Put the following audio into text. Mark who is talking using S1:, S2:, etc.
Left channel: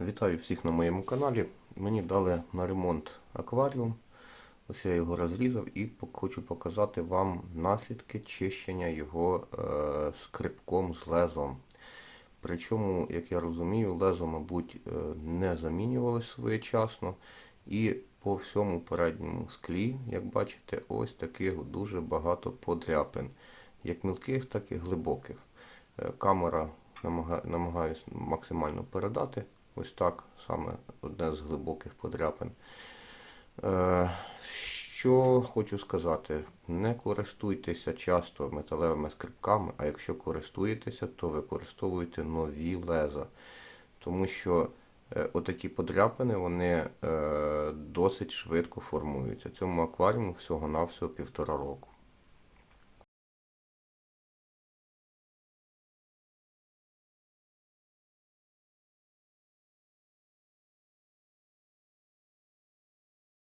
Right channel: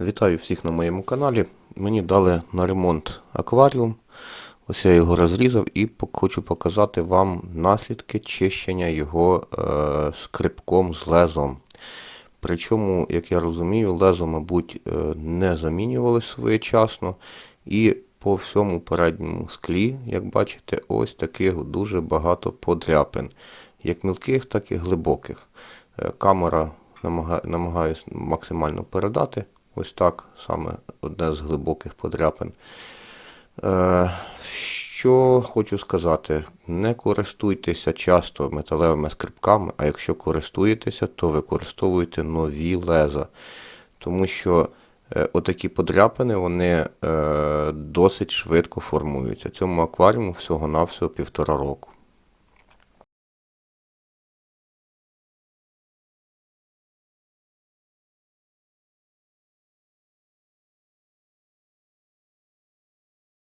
S1: Вітаю всіх на моєму каналі. Мені дали на ремонт акваріум. Ось я його розрізав і хочу показати вам наслідки чищення його е, скрипком з лезом. Причому, як я розумію, лезо, мабуть, е, не замінювали своєчасно. І по всьому передньому склі, як бачите, ось таких дуже багато подряпин. Як мілких, так і глибоких. Е, Камера намага- намагаюсь максимально передати. Ось так, саме одне з глибоких подряпин. Е, що хочу сказати, не користуйтеся часто металевими скрипками, а якщо користуєтеся, то використовуйте нові леза. Тому що е, отакі подряпини вони е, досить швидко формуються. Цьому акваріуму всього-навсього півтора року.